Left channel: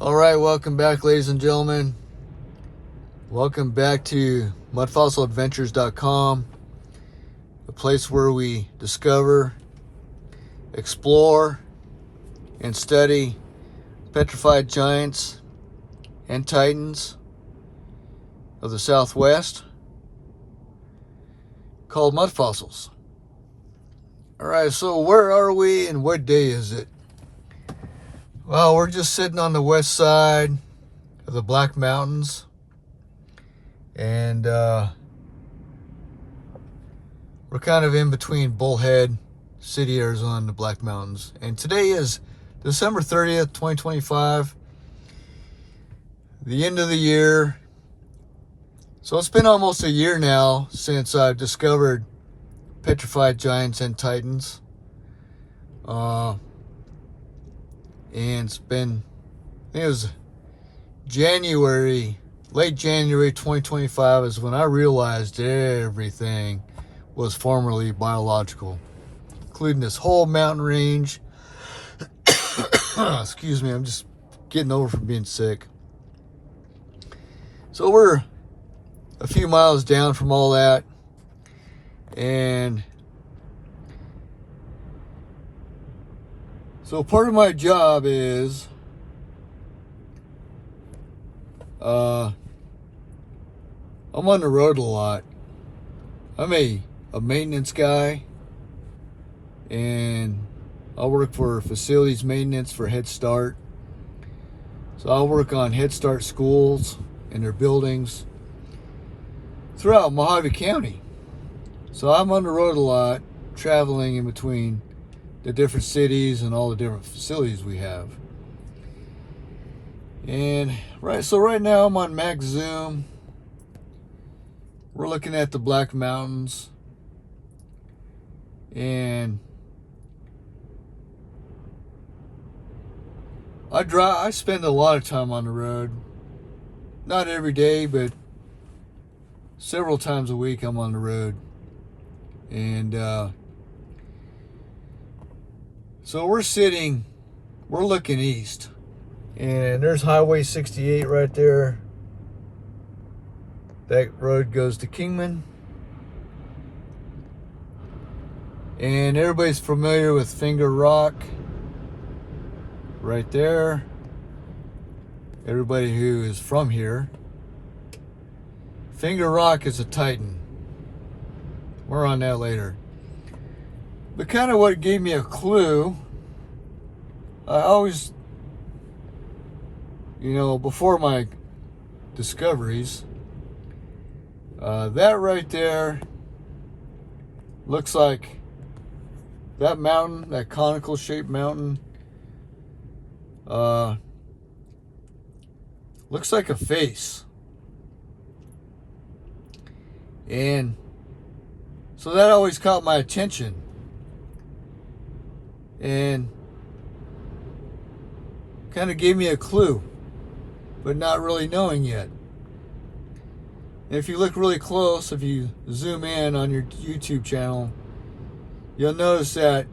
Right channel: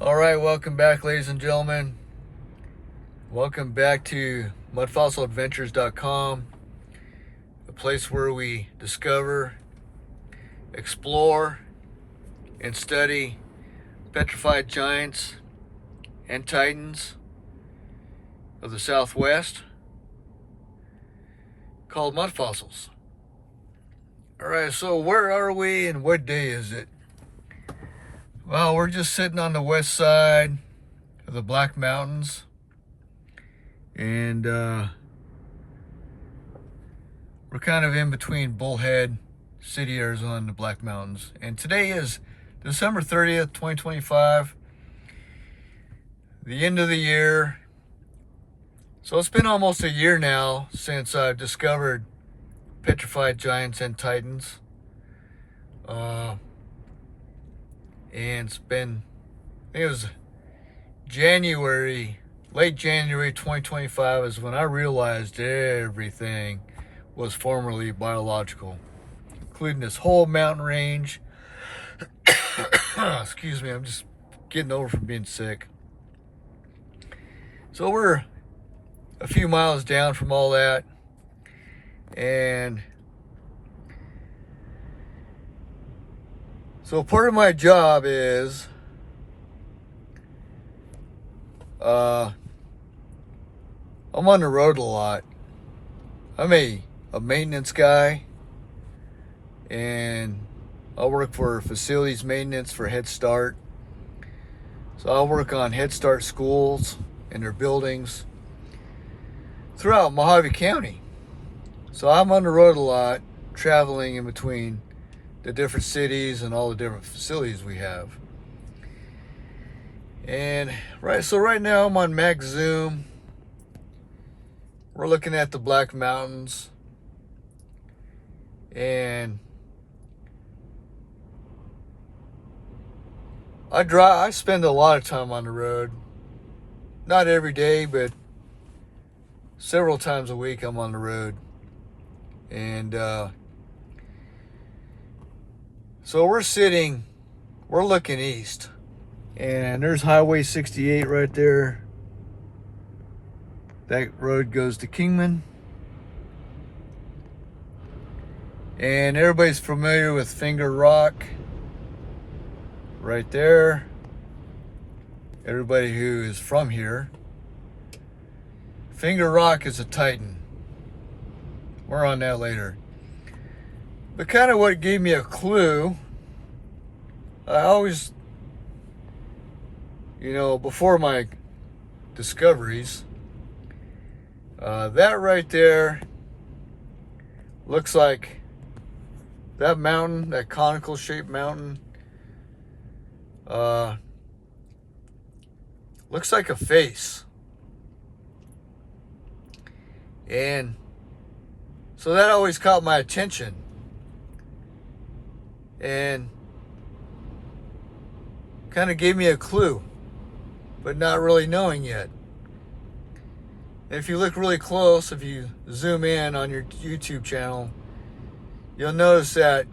All right, welcome back, ladies and gentlemen. Welcome back to mudfossiladventures.com, a place where we discover, explore, and study petrified giants and titans of the Southwest called mud fossils. All right, so where are we and what day is it? Well, we're just sitting on the west side of the Black Mountains, and we're kind of in between Bullhead City, Arizona, and the Black Mountains. And today is December 30th, 2025, the end of the year. So it's been almost a year now since I've discovered petrified giants and titans. And it's been, I think it was late January 2025 is when I realized everything was formerly biological, including this whole mountain range. Excuse me, I'm just getting over from being sick. So we're a few miles down from all that, and so part of my job is I'm on the road a lot. I'm a maintenance guy, and I work for facilities maintenance for Head Start. So I'll work on Head Start schools and their buildings throughout Mojave County. So I'm on the road a lot, traveling in between the different cities and all the different facilities we have. And right now I'm on Max Zoom. We're looking at the Black Mountains, and I spend a lot of time on the road. Not every day, but several times a week I'm on the road. And so we're looking east, and there's Highway 68 right there. That road goes to Kingman. And everybody's familiar with Finger Rock right there. Everybody who is from here. Finger Rock is a titan. More on that later. But kind of what gave me a clue, I always, before my discoveries, that right there looks like that mountain, that conical shaped mountain, looks like a face. And so that always caught my attention. And kind of gave me a clue, but not really knowing yet. And if you look really close, if you zoom in on your YouTube channel, you'll notice that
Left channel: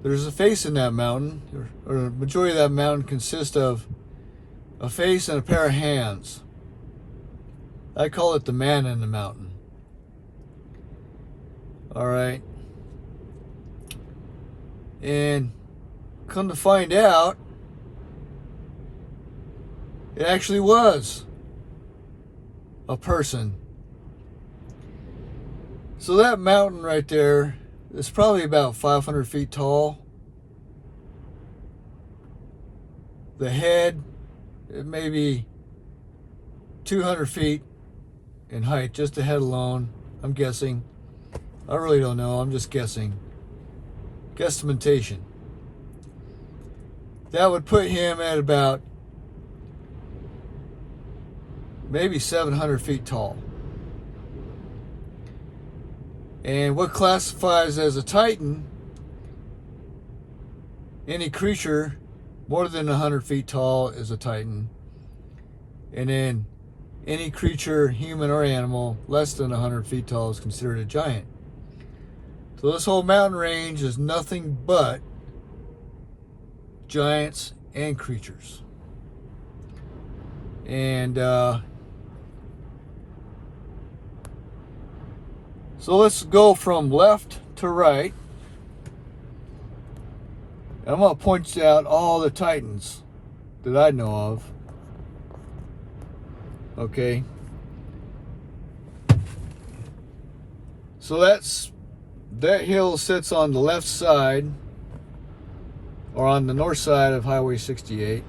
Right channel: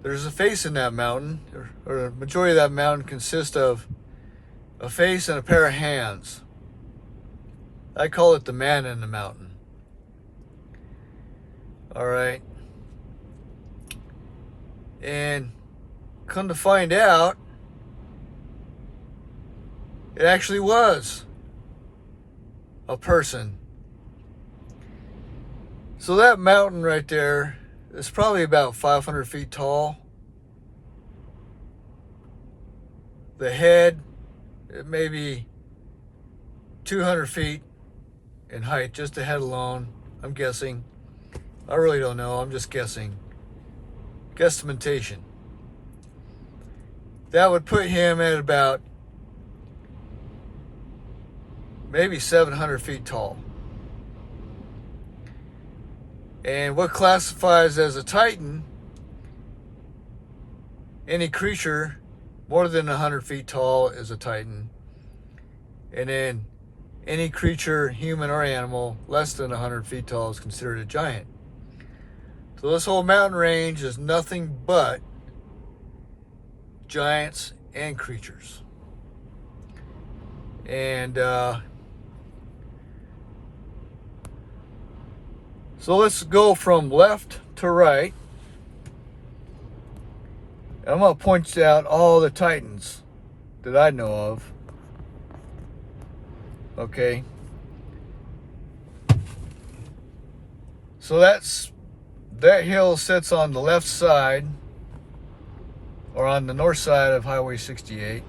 there's a face in that mountain, or the majority of that mountain consists of a face and a pair of hands. I call it the man in the mountain. All right. And come to find out, it actually was a person. So that mountain right there is probably about 500 feet tall. The head, it may be 200 feet in height, just the head alone, I'm guessing. I really don't know, I'm just guessing. Guesstimatation. That would put him at about maybe 700 feet tall. And what classifies as a titan, any creature more than 100 feet tall is a titan. And then any creature, human or animal, less than 100 feet tall is considered a giant. So this whole mountain range is nothing but giants and creatures. And so let's go from left to right. And I'm going to point out all the titans that I know of. Okay. So that hill sits on the left side, or on the north side of Highway 68.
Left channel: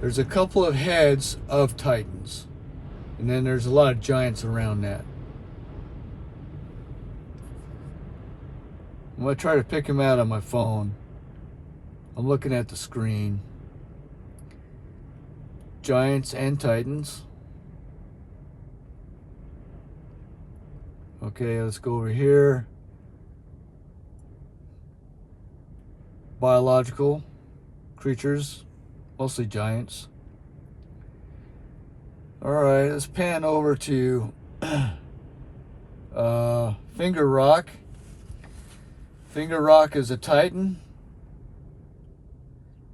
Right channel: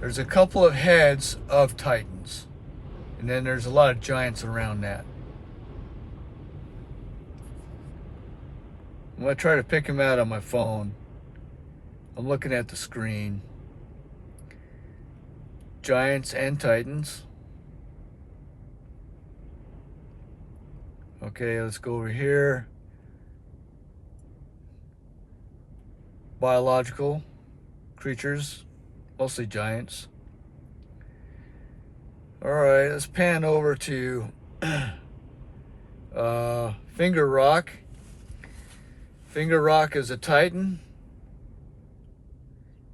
There's a couple of heads of titans, and then there's a lot of giants around that. I'm going to try to pick them out on my phone. I'm looking at the screen. Giants and titans. Okay, let's go over here. Biological creatures, mostly giants. All right, let's pan over to Finger Rock. Finger Rock is a titan,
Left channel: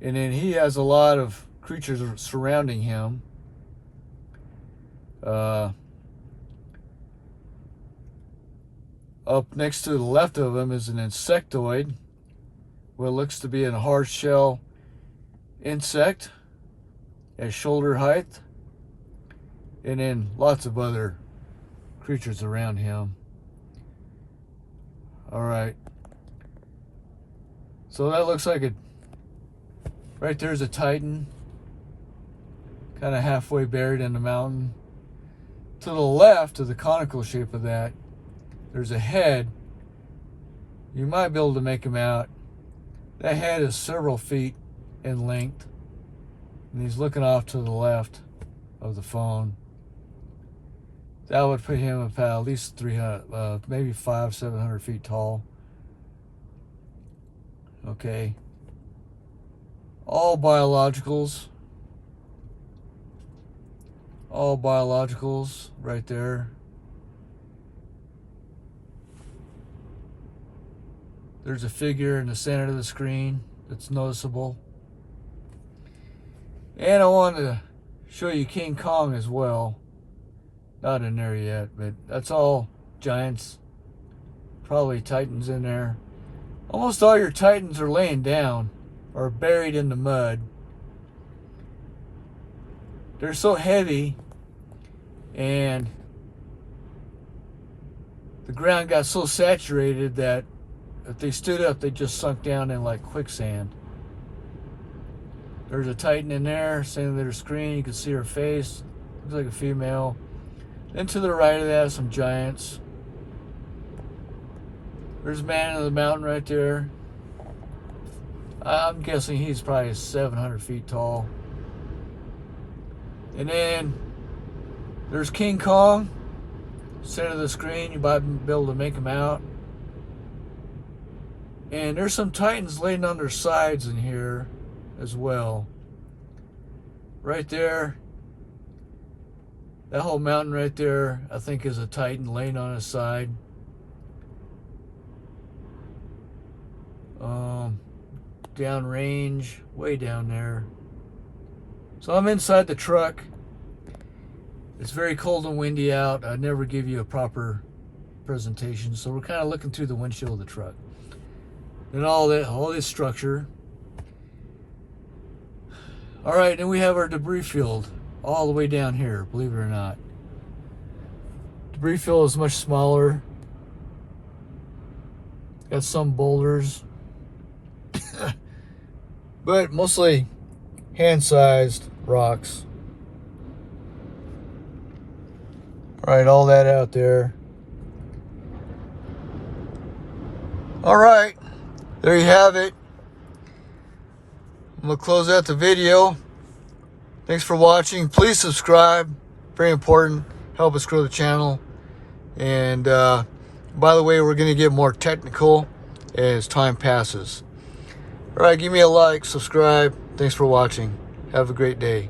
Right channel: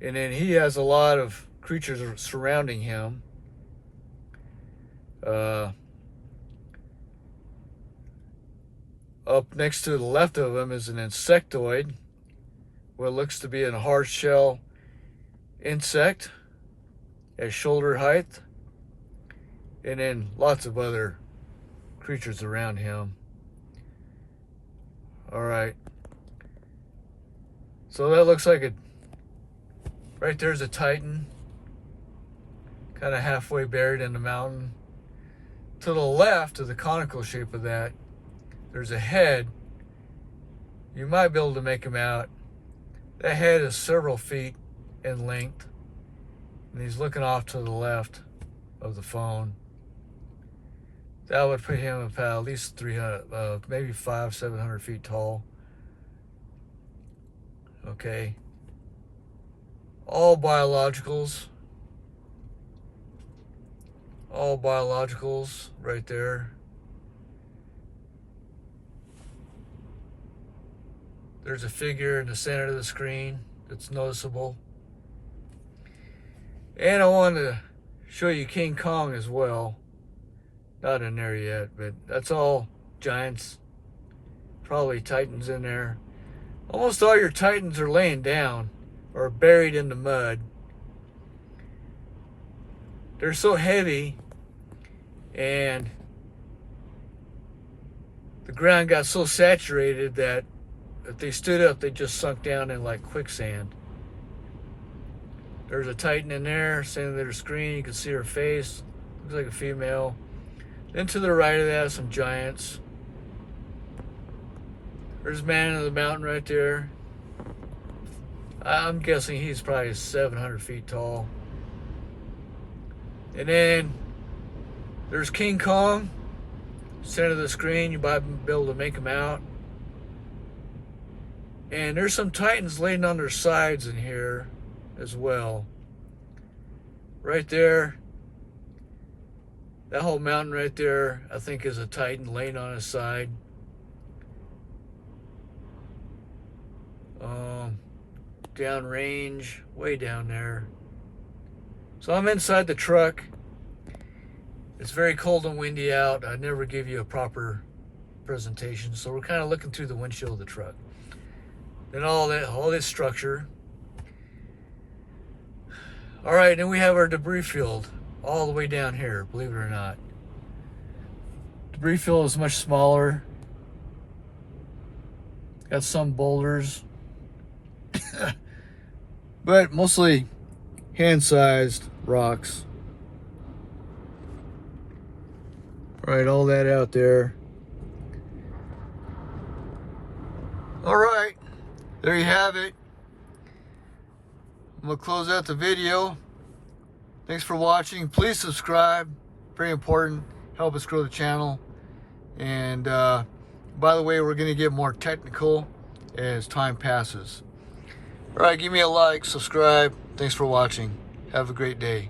and then he has a lot of creatures surrounding him. Up next to the left of him is an insectoid, what looks to be a hard shell insect at shoulder height, and then lots of other creatures around him. All right, so that looks like right there's a titan, kind of halfway buried in the mountain. To the left of the conical shape of that, there's a head. You might be able to make him out. That head is several feet in length, and he's looking off to the left of the phone. That would put him about at least 300, maybe 500-700 feet tall. Okay. All biologicals. All biologicals right there. There's a figure in the center of the screen that's noticeable. And I want to show you King Kong as well. Not in there yet, but that's all giants. Probably titans in there. Almost all your titans are laying down or buried in the mud. They're so heavy, and the ground got so saturated that if they stood up, they just sunk down in like quicksand. There's a titan in there, standing at her screen. You can see her face. Looks like a female. Then to the right of that, some giants. There's Man of the Mountain right there. I'm guessing he's probably 700 feet tall. And then there's King Kong, center of the screen. You might be able to make him out. And there's some titans laying on their sides in here as well. Right there, that whole mountain right there, I think is a titan laying on his side. Down range, way down there. So I'm inside the truck. It's very cold and windy out. I never give you a proper presentation, so we're kind of looking through the windshield of the truck. And all this structure. All right, then we have our debris field all the way down here, believe it or not. Debris field is much smaller. Got some boulders, but mostly hand-sized rocks. All right, all that out there. All right, there you have it. I'm gonna close out the video. Thanks for watching. Please subscribe. Very important. Help us grow the channel. And by the way, we're gonna get more technical as time passes. All right, give me a like, subscribe. Thanks for watching. Have a great day.